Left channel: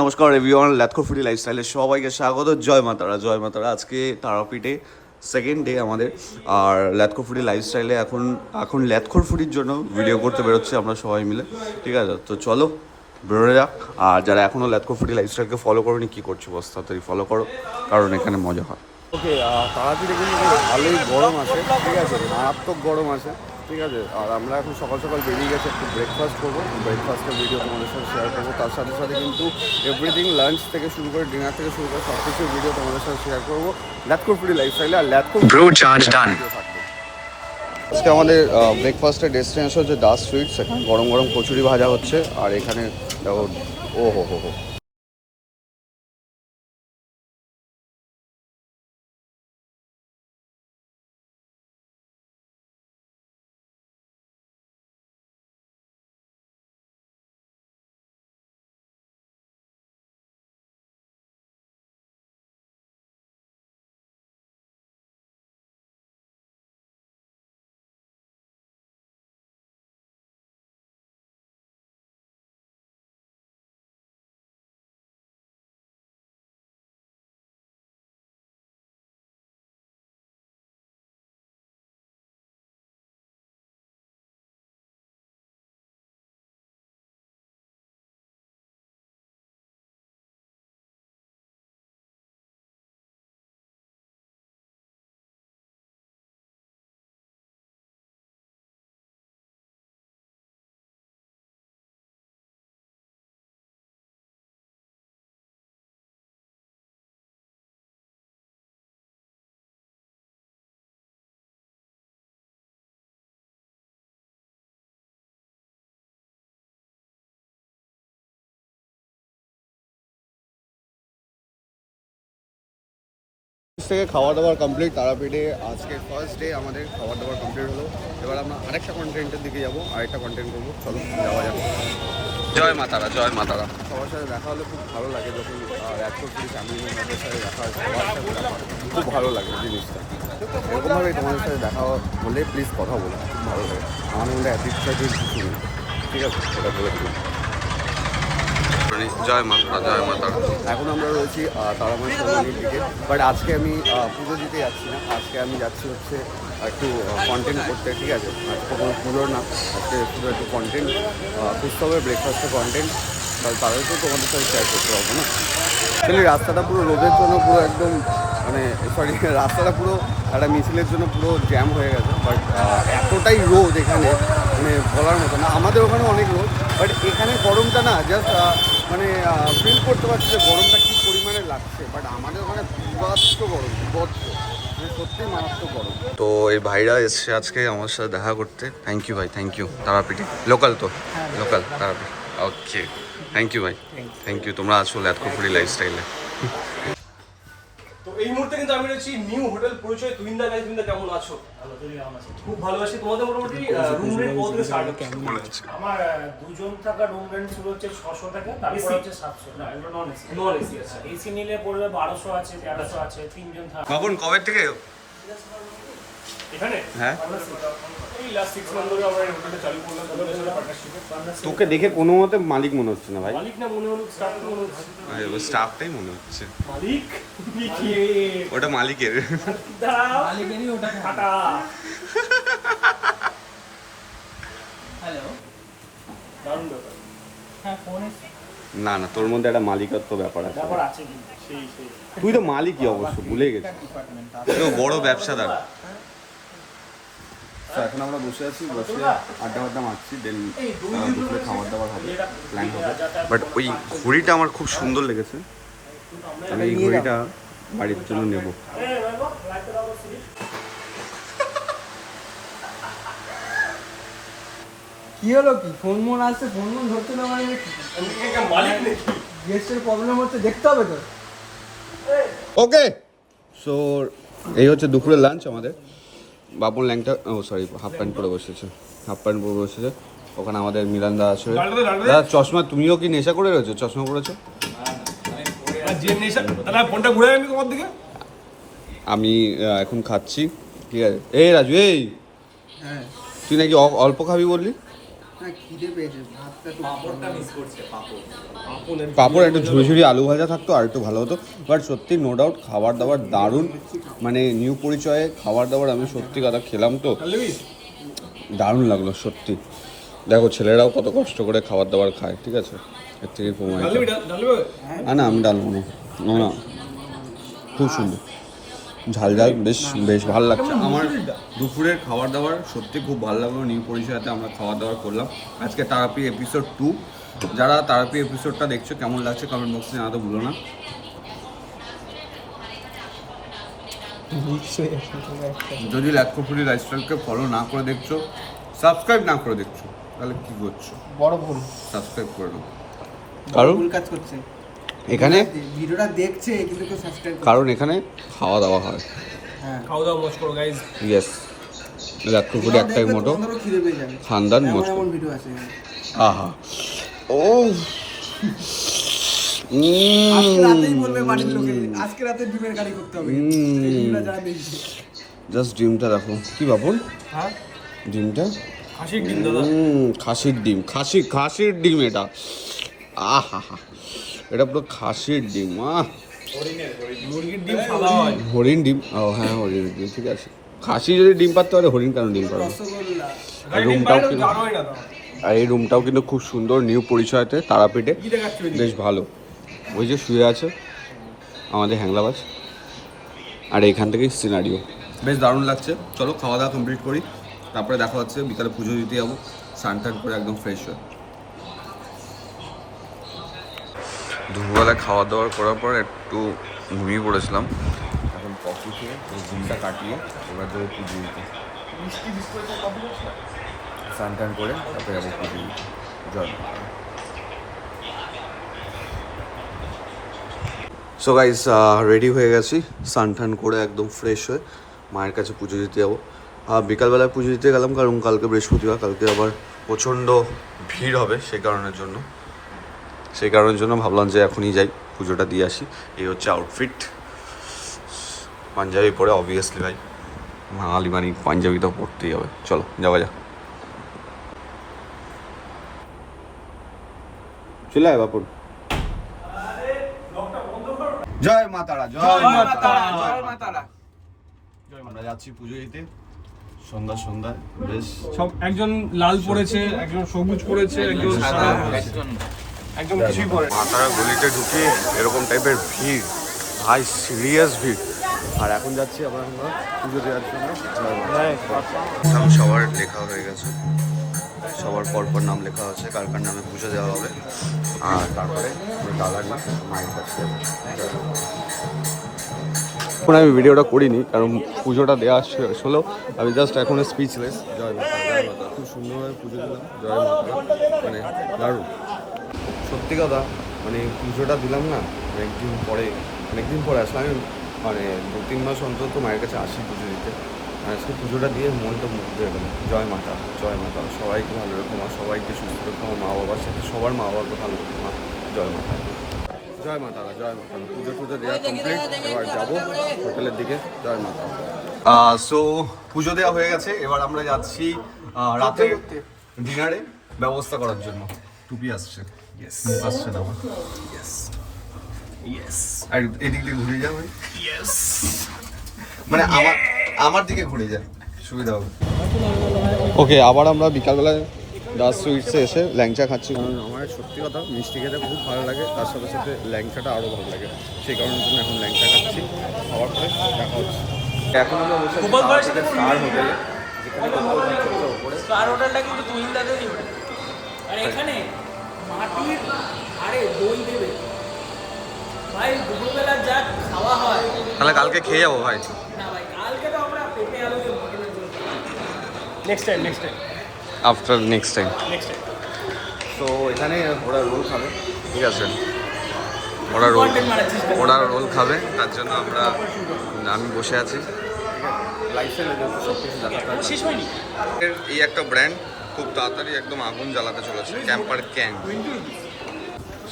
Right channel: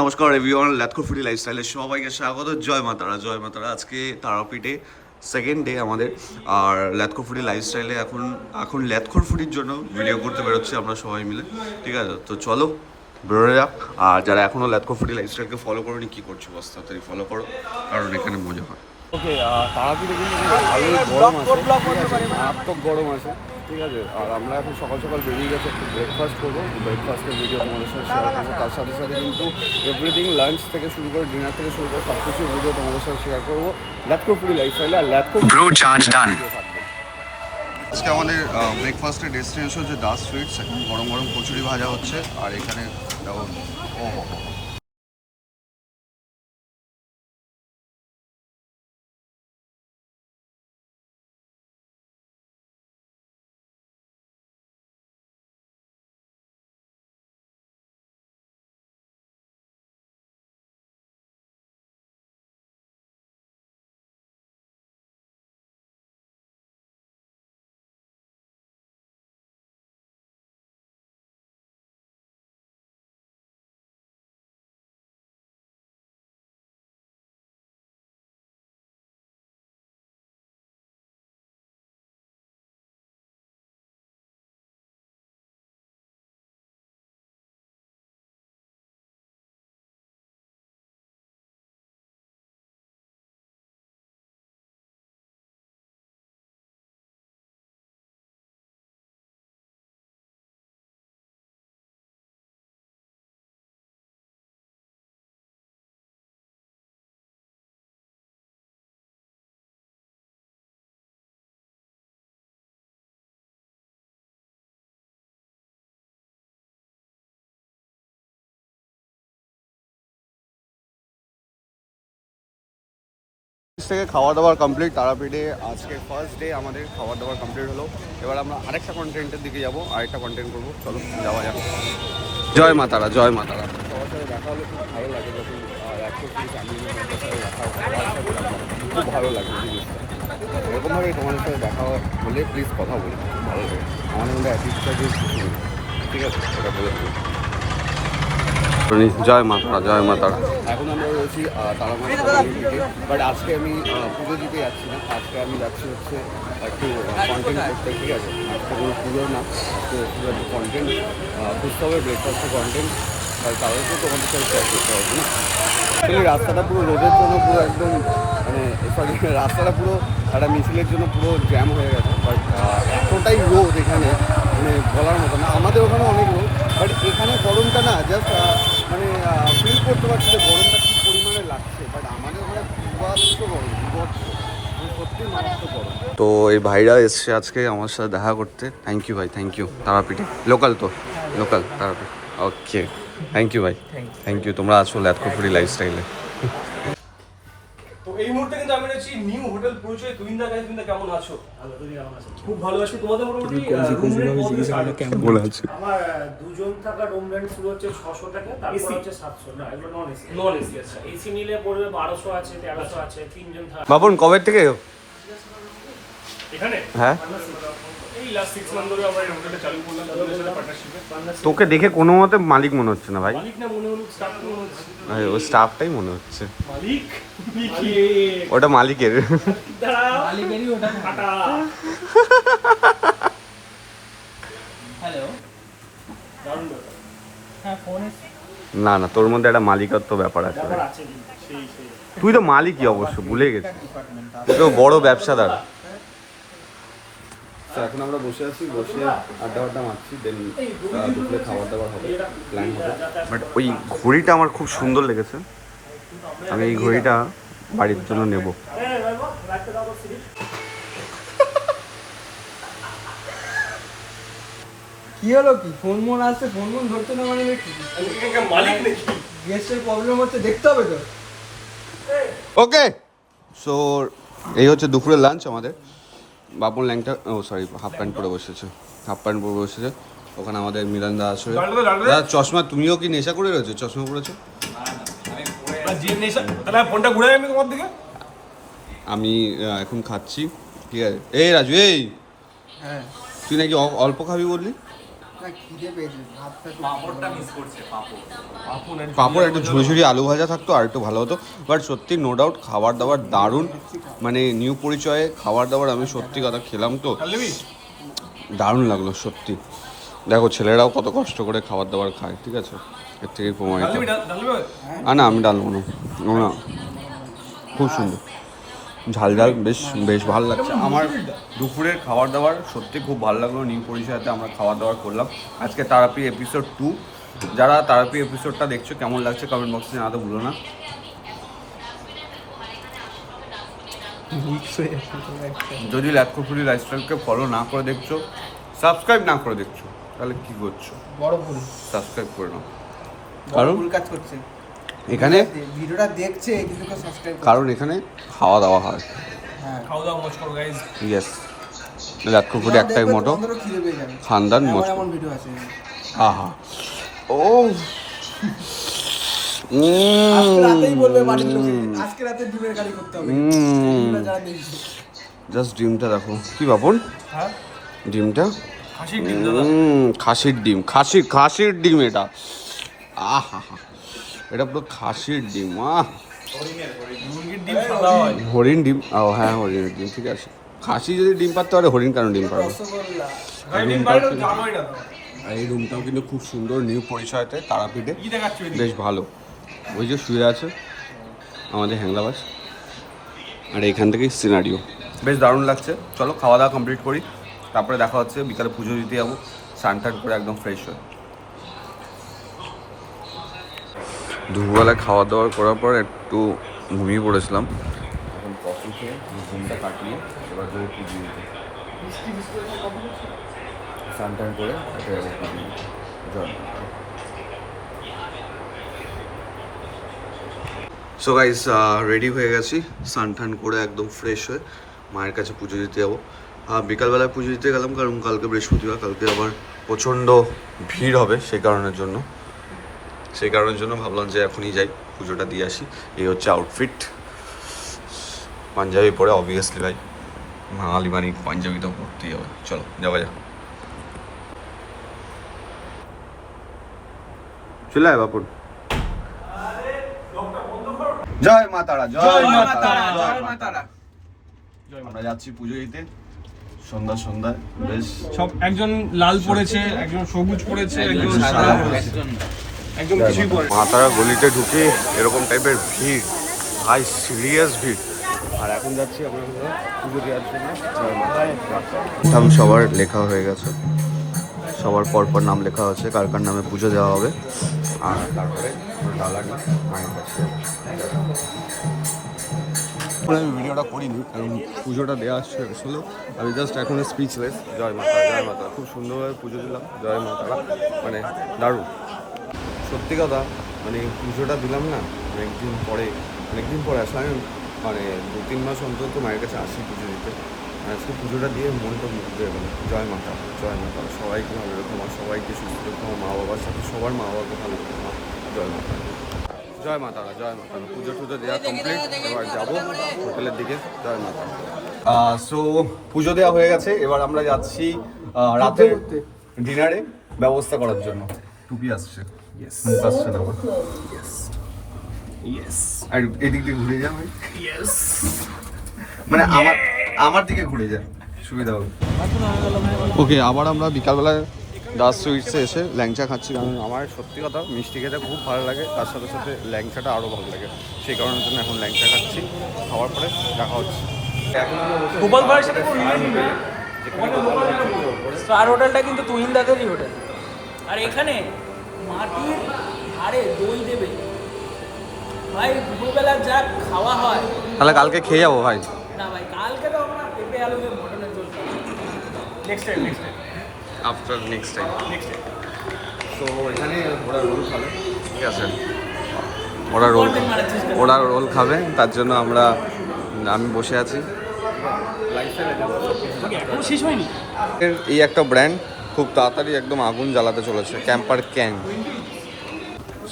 নমস্কার everyone, ল্যাথকো foodie লাইফস্টাইলে সবাইকে স্বাগত। জয় মাতারা, জয় মাতারা। আজকে তারাপীঠে সেকেন্ড ডে আমাদের। আর ল্যাথকো ফুডি লাইফস্টাইলে এখন ল্যাথকোর ফুডির জন্য ভিডিও করতে বেরোচ্ছি আমরা সবাই মিলে, ঠিক আছে? তো চলো বেরোয় যাক। আর যারা এখনও ল্যাথকো ফুডি লাইফস্টাইলকে ফলো করোনি, কী করছো বস, তাড়াতাড়ি ফলো করো, কারণ এখানে মজা হয়। ওকে, তারাপীঠে কিন্তু ভালোই গরম আছে, ঠিক আছে, মারাত্মক গরম আছে, ঠিক আছে। আর আমরা এখন সকাল সকাল বেরিয়ে গেছে, একটু ব্রেকফাস্ট করবো, ব্রেকফাস্টের ভিডিও তোমাদের সাথে শেয়ার করবো। তার সাথে সাথে কিন্তু এভরিথিং, লাঞ্চ থেকে শুরু করে ডিনার থেকে শুরু করে সব কিছুর ভিডিও তোমাদের সাথে শেয়ার করবো ল্যাথকো ফুডি লাইফস্টাইলে। আর ল্যাথকো থাকবে। আজকে আমাদের ব্রেকফাস্টের ডেস্টিনেশন হচ্ছে দাস সুইটস। এখানে গরম গরম কচুরি ভাজা হচ্ছে। আর এখানে ও হো হো হো থেকে খাওয়া দাওয়ার কমপ্লিট। তারাপীঠে আজকে ফার্স্ট ডে আমাদের খাওয়া দাওয়ার কমপ্লিট হলো। এবার আমরা আরেকটা কন্টেন্টের দিকে যাবো, আরেকটা কন্টেন্ট করবো। চলো যাওয়া যাক। জয় মাতারা, জয় মাতারা। সবার সাথে দেখা হলে খুব ভালো লাগে, যখন একশো ফ্যামিলির মেম্বারের সাথে দেখা হয়, সবার সাথে দেখা খুব ভালো লাগে জিনিসটা। এরকমভাবেই তোমাদের সাথে দেখা হলে প্লিজ কথা বলো, খুব ভালো লাগে। আমার মধ্যে অ্যাটিটিউড কিছু নেই, ঠিক আছে, সেটা বলে দিই। জয় মাতারা, জয় মাতারা। এখন আমরা রয়েছি তারামার সরণির দিকে। বাট আজকে আমি পুজো দিতে যাচ্ছি না, আজকে আমি যাচ্ছি হচ্ছে একটু কন্টেন্ট করতে, ঠিক আছে। আজকে কোনো পুজোর না, আজকে পুরো একটু কন্টেন্ট খুঁজতে হবে, ব্রেকফাস্টের কন্টেন্ট। তার তো তোমাদের সাথে শেয়ার করতে হবে না। অ্যাকচুয়ালি রাস্তাটা পুরো রোদের জন্য পুরো একদম, মানে সরি, রাস্তাটা পুরো একটা মিছিলের জন্য পুরো জ্যাম হয়ে গেছে। বাট এতটাই রোদ এখানে, মানে বলার মতো না। আমাদের ওখানে অনেক রোদ, বাট এখানে গরমটা না জাস্ট মানে ফিল করতে পারছি যে গরমটা কী পরিমাণে লাগছে। বাট আমাদের ওখানে বিভৎস গরম, বিভৎস, সত্যি মারাত্মক গরম। তো এই ভাইরা এসছে আজকে আমার সাথে দেখা করতে। থ্যাংক ইউ ভাই, থ্যাংক ইউ। তারাপীঠে লোকাল তো, local Tarapith. Okay, thank you ভাই, থ্যাংক ইউ। তোমরা আছো ল্যাথকো ফুডি লাইফস্টাইলে। তো এই মুহূর্তে কিন্তু আমি রয়েছি নিউ হোটেল পরিচয় তুহিনদা। গাইস, তুমি কেমন আছো? ভালো, তুমি কেমন আছো? খুব ভালো আছি। তোমাদের মোটামুটি রুম রেন্ট কত থেকে স্টার্ট হচ্ছে? বলে আছে আমার দুজন থাকা রুম রেন্ট শুরু হচ্ছে 600 টাকা, তারপর হচ্ছে 700। না, এগুলো নন এসি। নন এসি আছে। এসি নিলে পড়বে 1200 আছে, 1300 আছে, তিনজন থাকা। বাবন কবে থেকে এখানে হ্যাঁ এই লাস্ট 6 মান্থ ধরে আমরা এই হোটেলটা চালু করলাম, তাদের সাথে পার্টনারশিপে। তোকে দেখে কোনো মতে মালিক মনে হচ্ছে না ভাই। মালিক না মনে হলো, স্টাফ তো মনে হচ্ছে ওই স্টাফটাই মনে হচ্ছে। মালিক ওটা মালিকের। দাঁড়াও, মালিকেরই ওটা কাটা। হ্যালো, দারুণ ব্যাপার। হ্যাঁ ফোনে না না, তোর মধ্যে একটা মালিকত্ব ব্যাপার আছে। ব্যাপার আছে কিন্তু সেই সেই। তুই তো মালিকই অবশ্য, ভুলে গেছিস। তুই তো বড় ব্যবসাদার। তো এখন আমরা বসে আছি, বসে আড্ডা মারছি। দেন দুপুরে খাবার দাবার হবে, প্ল্যান হবে। বাট ওই ঘড়িটা আমার খুব সুন্দর লেগেছে। আমি এই ঘড়িটা বাড়ির জন্য নেব। কি হলো, কি ফোন মন আসছে, ফোন মন ধরছে না, মানে কি মালিক নাকি? গেস্টের প্রবলেম হচ্ছে, দেখতে হবে তো। ওকে, সো এই হচ্ছে দুপুরের লাঞ্চ আমাদের। বাপন ল্যাংটা, ও সরি, হাফ প্যান্ট পরে বসেছে, হাফ প্যান্ট পরে বসেছে। ওখানে আমাদের মিলান্দা আছে। দাদা চশমা, তুমিও কি নেশা করে রয়েছো? চশমা পরেছো? ফোনটা ঘুরে আমি তোমার দিকে। আমি এখন খাচ্ছি, ঠিক আছে। এই রাজু, এই হ্যাঁ, তুই নাকি অল্প খাবি বললি? না খিদে পেয়েছে, ভাতটা তো পাঁপড়টা মিস করছে, পাঁপড়। পাঁপড় একটু ঝুড়ি ঝুড়ি আলু ভাজা থাকতো আর একটু ভালো হতো, বাট সত্যি নো ডাউট খাবার দাবার দারুণ, মানে নিউ পরিচয়ে খাবার দাবার আমি সত্যি কথা খেলাম তো দারুণ লাগলো সত্যি। দেখো ছেলেরাও কত কষ্ট করে খাবার দাবার খায়, ঠিক আছে, এর থেকে প্রমাণিত। না আমি ডালবো না, না খুব সুন্দর ঝাল ঝাল, বেশ বেশ ভালো লাগছে আমার। দুপুরের খাবার দাবার সত্যি খুব ভালো লাগলো, নিউ পরিচয়তে আমরা খাবার দাবার করলাম আজকে তারাপি এপিসোড 2। যারা তারাপি এপিসোডটা দেখছো কেমন লাগছে কমেন্ট বক্সে জানাতে ভুলো না। যদি ল্যাটকো ফুডি লাইফস্টাইলকে ফলো না করে দেখছো, সাবস্ক্রাইব না করে দেখছো, তাহলে কি করছো? বড় ভুল, সাবস্ক্রাইব করে নাও, বড় কারণ ভুল কাজ করছে। এখানে ভিডিওটা দেখছে কিন্তু কেউ সাবস্ক্রাইব করে। কারণ এখানে খাওয়া দাওয়া হয়। হ্যাঁ, খাওয়া দাওয়া মজ করো গাইজ। ইয়েস, ল্যাটকো ফুডি একটাই মোটো, তোমাদেরও খিদে পেয়ে যাবে। খানদান এমন মস্ত। এমন ভিডিও আছে। আহা ও আজকে রাতেই বলবে বাড়ির লোকে, আজকে রাতে ডিমের কারি করতে হবে। ডিমটা যারা দেখছে। জাস্ট ডিমটা দেখো কি বাপন, হ্যাঁ ডিমটা খাসির ডিম দাদা। খাসির ডিম, খাসির ডিম এটা, আহা হা, এটা পুরো খাসির ডিম। মুরগির ডিম সাদা হয়। হরিণ ডিম, ও হ্যাঁ হরিণের ডিম, ঠিক আছে। খাসি যদি ডিম পারতে পারে, হরিণ কেন ডিম পারবে? রসগোল্লা। আর ডিম রুমটাও বাইরে কিন্তু, জানোই না দাদা। আর এই রুমটাও কিন্তু খুব সুন্দর, নিউ পরিচয়তে তারাপীঠে, কি দেখাচ্ছ এদিকে? বেশ ভালো। ওই যে শুয়ে আছে আমাদের হ্যাংলাবাজ, আর এইখান থেকেই সিনারিও বেশ দারুণ লাগছে। চলো খাওয়া দাওয়া কমপ্লিট করি, তারপরে দেখা হচ্ছে। বিকালে পুজো দিতে যাবো, স্নান টান করে একদম ফ্রেশ হয়ে। দুপুরবেলায় খাওয়া দাওয়া করার পর একটু ঘুমিয়ে পড়েছিলাম, এখন কফি খেয়ে ঘুমটা কাটিয়ে এবার যাবো পুজো দিতে। স্নান টান করে তারপরে যাবো পুজো দিতে। জয়। সো গাইস রেডি হয়ে গেছি, স্নান টান করে একদম ফ্রেশ হয়ে মায়ের কাছে পুজো দিতে যাবো। বিকালবেলায় পুজো দিতে গেলাম কারণ কালকে বৃহস্পতিবার, কালকে আবার প্রচণ্ড ভিড় হবে, সেই কারণের জন্য ভাবলাম যে এখনই যাই পুজোটা দিয়ে আসি। এই হচ্ছে আউটফিট, পাঞ্জাবি পরে অবভিয়াসলি ভাই, বাঙালি মানে পাঞ্জাবি তো পরতেই হবে। চলো যাওয়া যাক। চলে আয় বাপুর। জয় মা তারা, জয় মা তারা, জয় মা তারা। আমরা যাচ্ছি পুজো দিতে সন্ধ্যায়, বেশ সব একজন লাল পড়েছে, একজন সবুজ পড়েছে, একজন সাদা পড়েছে, একজন কিছুই পড়ে। মা তারা গলিতে ঢুকে এরকম টাইপের ভিড়, ভাই সিরিয়াস ভিড়। আর এখন যাচ্ছি আমরা পুজো দেওয়ার জন্য। জয় মা। নাম সবার লেখা হয়ে গেছে, সবার পরপর নাম লেখা আছে, কার কার নামে পুজো দেওয়া হবে। আর তারপরে দাদার না মায়ের কাছে। এখন আমি ভিডিওটা করিনি কারণ পুজোটা দেওয়া হলো, আমি জাস্ট এখন স্পিচলেস। জয় মাতা, জয় মাতা, খুব সুন্দরভাবে পুজো দিলাম। জয় মাতা, মানে দারুণ সত্যি কথা। মানে পুজোটা দিলাম না, অনেকদিন পরে আসলে আমি মানে 2-3 মাস অন্তত মায়ের কাছে আসি পুজো দিতে। আজকে পুজোটা দিয়ে মনটা মুগ্ধ হয়ে গেল। জয় মাতা, জয় মাতা, সবাইকে ভালো রেখো মা, সবাইকে সুস্থ রেখো, আমার মা বাবার সাথে সবার মা বাবাকে ভালো রেখো মা। জয় মাতা, জয় মাতারা, জয় মাতারা। পুজো টুজো দেওয়া কমপ্লিট, এবার যাবো হোটেলের দিকে। জয় মাতা। সো পুজো দেওয়া হয়ে গেছে, এবার আমরা যাচ্ছি রাতের ডিনারে ব্যবস্থা করার জন্য। টুপি আসছে, মুখ আসছে না আমার। আর এদিক দিয়ে ঘুরে যাবে, মানে আমার দিকে ঘুরে যায়, সুবিধা হবে। ওকে, আবার আমরা বিকালবেলায় দাস সুইটসে এসে ল্যাংচা খাচ্ছি, কারণ আমার সত্যি কথা মিষ্টি খেতে খুব ভালো লাগে, তার সাথে সাথে ল্যাংচাটা আরও ভালো লাগে, সেই কারণের জন্য এখন ল্যাংচা খাচ্ছি। খাওয়ার পরে দেখা হচ্ছে। এখন আমরা বসে আছি তারাপীঠের স্টার হোটেলে, যেখানে গোপাল ভাঁড়ের ওপরে। স্টার হোটেলটা কিন্তু তুহিনদাদেরই হোটেল। আর এখানে মাটির হাড়ে দই দেবে ভাই, দুপুরবেলা যা খাওয়া হয়। তাহলে কালকে খেয়ে যাবো ভাই। না ভাই, কালকে তো আমরা পেঁপে আলু দিয়ে মটনের জন্য next time after next time. তো এখানে ওরা রোল খাবে, ঠিক আছে, ওরা রোল খাবে, তার জন্য আমি বসে আছি। লাইফস্টাইলের জন্য সব কিছু জানাতে হবে। এই একটা ব্র্যান্ড খুব তাড়াতাড়ি একদম আগুন জ্বালাতে চলেছে, ক্যাম্পার ক্যাং।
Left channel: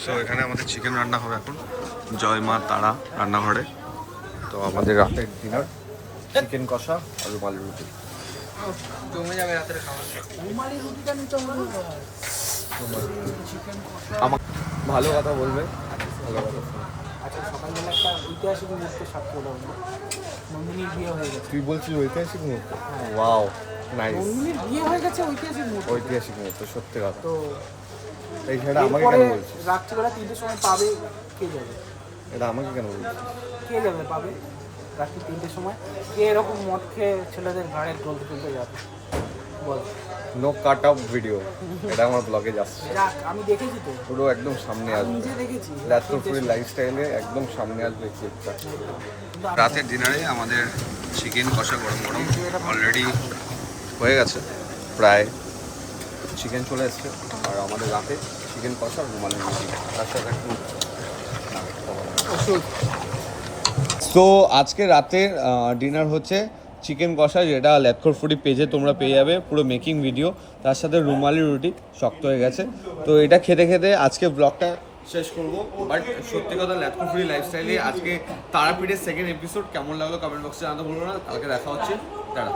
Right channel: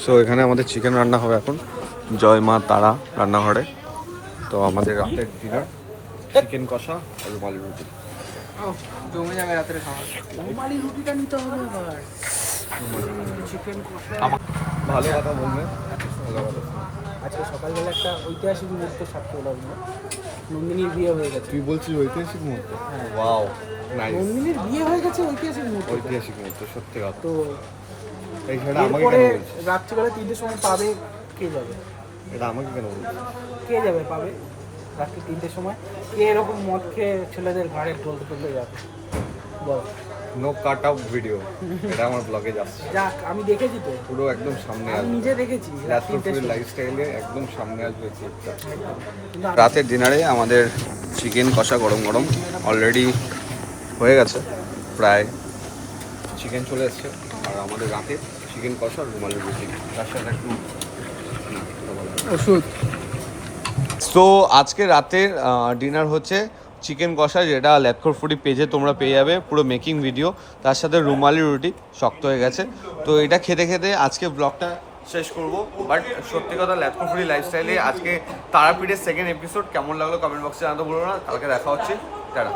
সো এখানে আমাদের চিকেন রান্না হবে এখন, জয় মা তারা রান্নাঘরে। তো আমাদের রাতের ডিনার চিকেন কষা আর রুমালি রুটি। জমে যাবে রাতের খাবার। ভালো কথা বলবে, ভালো কথা শুনবে। আজকে সকালবেলা একটা ঐতিহাসিক মুহূর্ত সাক্ষী হলাম আমরা। নন্দিনীর বিয়ে হয়ে গেছে। তুই বলছিস ঐতিহাসিক মুহূর্ত? হ্যাঁ। Wow, nice. নন্দিনীর বিয়ে হয়ে গেছে, ঐতিহাসিক মুহূর্ত। ঐতিহাসিক মুহূর্ত, সত্যি কথা। তো এই সেটা আমাকে এরপরে কেন বলছিস? রাত্রিবেলা 3টের সময় পাবে, কে যাবে? এটা আমাকে কেন বলছিস? কে যাবে পাবে রাত্রি 3টের সময়? কে এরকম মদ খেয়ে ছেলেদের ঘাড়ে ঢলতে ঢলতে যাবে বল? নো কাট আপ ভিডিও, এটা আমার ব্লগে যাচ্ছে, যাক, আমি দেখেছি তো, পুরো একদম সামনে আমি আসবে। নিজে দেখেছি। ল্যাথকোর ফুডের লাইফস্টাইলে একদম সামনে আসবে এই ক্লিপটা। কিন্তু রাতের ডিনারে আমাদের চিকেন কষা গরম গরম অলরেডি হয়ে গেছে প্রায়। চিকেন চলে এসছে, আর আমাদের রাতে চিকেন কষা আর রুমালি রুটি, তার সাথে একটু তো আজকে রাতের ডিনার হচ্ছে চিকেন কষা, যেটা ল্যাথকোর ফুডি পেজে তোমরা পেয়ে যাবে পুরো মেকিং ভিডিও, তার সাথে রুমালি রুটি শক্ত হয়ে গেছে। তো এটা খেতে খেতে আজকে ব্লগটা শেষ করব। বাট সত্যি কথা, ল্যাথকোর ফুডি লাইফস্টাইলে আজকে তারাপীঠের সেকেন্ড এপিসোড কেমন লাগলো কমেন্ট বক্সে জানাতে ভুলো না। কালকে দেখা হচ্ছে, টাটা।